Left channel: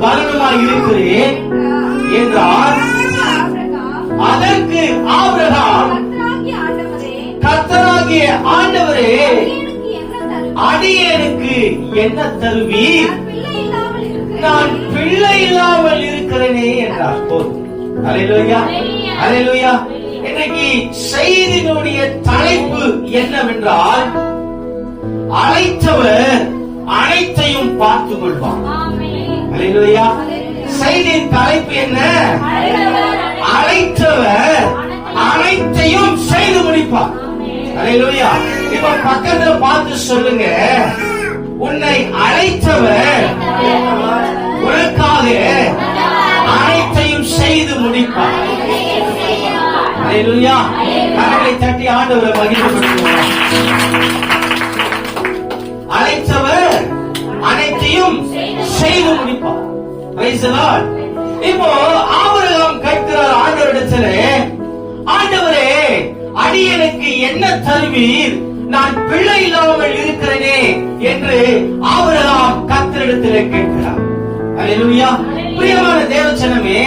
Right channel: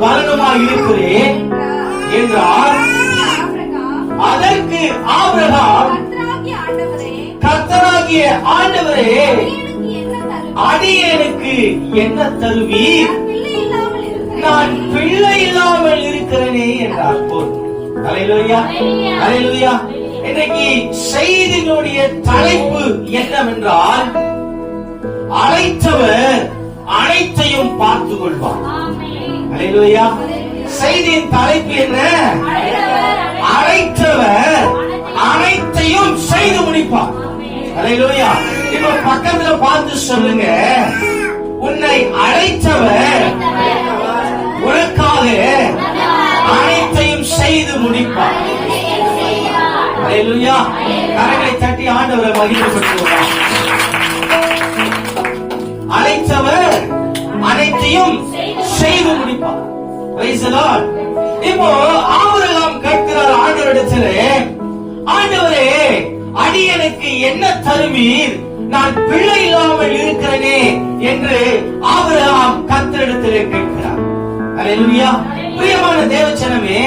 பலனுமாய் இருக்கிறேன் என்றால் அதற்கு ஆபிரகாம் கர்த்தனாகிய ஆண்டவரே அடியனுக்கு என்ன தருவீர்? நான் பிள்ளை இல்லாமல் இருக்கிறேனே என்றார் போதும். அலையிலோயா அலையிலோயா இன்னைக்கு செய்தியினுடைய தலைப்பு என்னவென்றால் அழைத்தவர் அனைத்தையும் பார்த்துக் கொள்வார். அலையிலுயா செய்தியின் தலைப்பு என்ன? அழைத்தவர் அனைத்தையும் செய்து முடிப்பார். அலையிலுயா இப்ப பக்கத்துல பார்த்து சொல்லுங்க. உன்னை அழைத்தவர் உனக்காக அனைத்தையும் செய்து முடிப்பார். அலையிலுயா கரங்களை தட்டி ஆண்டவரை மகிழ்ச்சி இப்போ ஆபரகம் கேட்கிறார் ஆண்டவரிடத்திலே ஆண்டவரே அடியனுக்கு என்ன தருவீர்? நான் பிள்ளை இல்லாமல் இருக்கிறேனே என்று ஆபரகம் கர்த்தரிடத்திலே கேட்கிறார். அல்லேலூயா பிரியமான தேவச்சனமே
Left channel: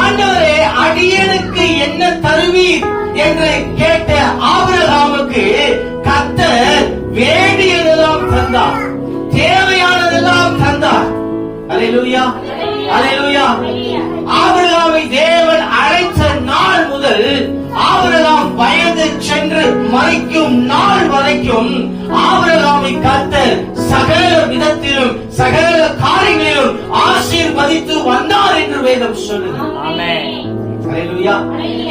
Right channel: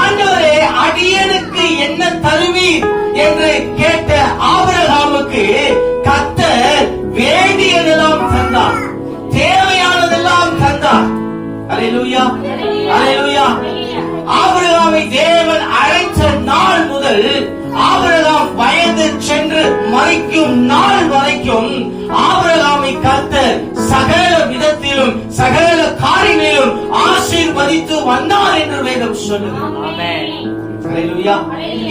ஆண்டவரே அடியனுக்கு என்ன தருவீர்? என்று கேட்ட ஆபரகாமுக்கு கத்தர் வேண்டியதெல்லாம் தந்தார். தேவையானதெல்லாம் தந்தார். அல்லேலூயா ஆபிரகாமை தேவன் அழைத்த நாள் முதல் ஆபிரகாம் வயது சென்று மறைக்கும் நாள் வரைக்கும் ஆபிரகாமை கர்த்தர் சகல விதத்திலும் சகல காரியங்களிலும் ஆசீர்வதித்து வந்தார் என்று வேதம் Hallelujah.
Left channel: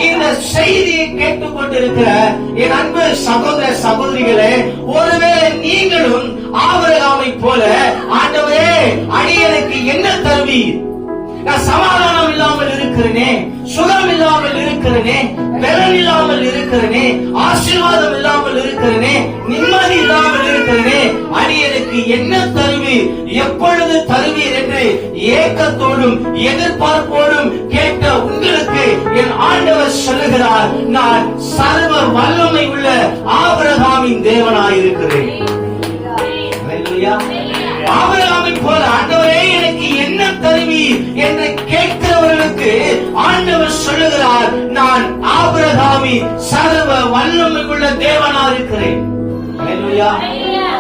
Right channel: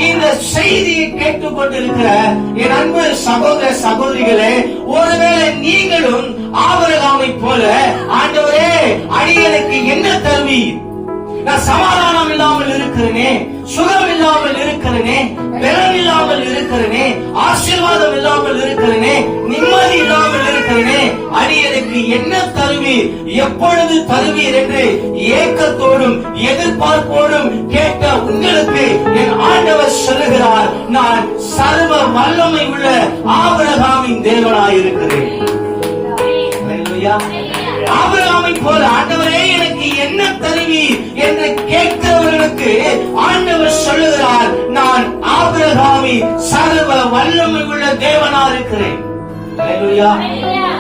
இந்த செய்தியை கேட்டுக்கொண்டிருக்கிற என் அன்பு சகோதர சகோதரிகளே ஒருவேளை நீங்களும் ஆபரகாமை போல ஆண்டவரே அடியனுக்கு என்ன தருவீர்? நான் சமாதானம் இல்லாமல் இருக்கிறேனே சுகம் இல்லாமல் இருக்கிறேனே பலன் இல்லாமல் இருக்கிறேனே ஆசீர்வாதம் இல்லாமல் இருக்கிறேனே நிம்மதி இல்லாமல் இருக்கிறேனே அடியனுக்கு என்ன தருவீர்? எப்பொழுது தருவீர் என்று ஏக்கத்தோடும் எதிர்பார்ப்போடும் கேட்ட உங்களுக்கு என் ஆண்டவர் சொல்லுகிறார் நான் சர்வ வல்லமை உள்ள ஆபிரகாமின் தேவனாயிருக்கிறேன். Hallelujah. ஆபிரகாமை போல ஆண்டவரே என்று கேட்கிறவர்களுக்கு ஆண்டவர் சொல்லுகிறார் நான் ஆபிரகாமி சர்வ வல்லமை உள்ள தேவனா இருக்கிறேன்.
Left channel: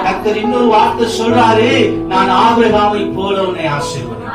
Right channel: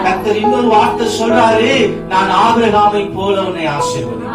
கர்த்தர் இன்னொரு வார்த்தை சொல்றாரு நான் ஆபிரகாமை போல உன்னை ஆசீர்வதி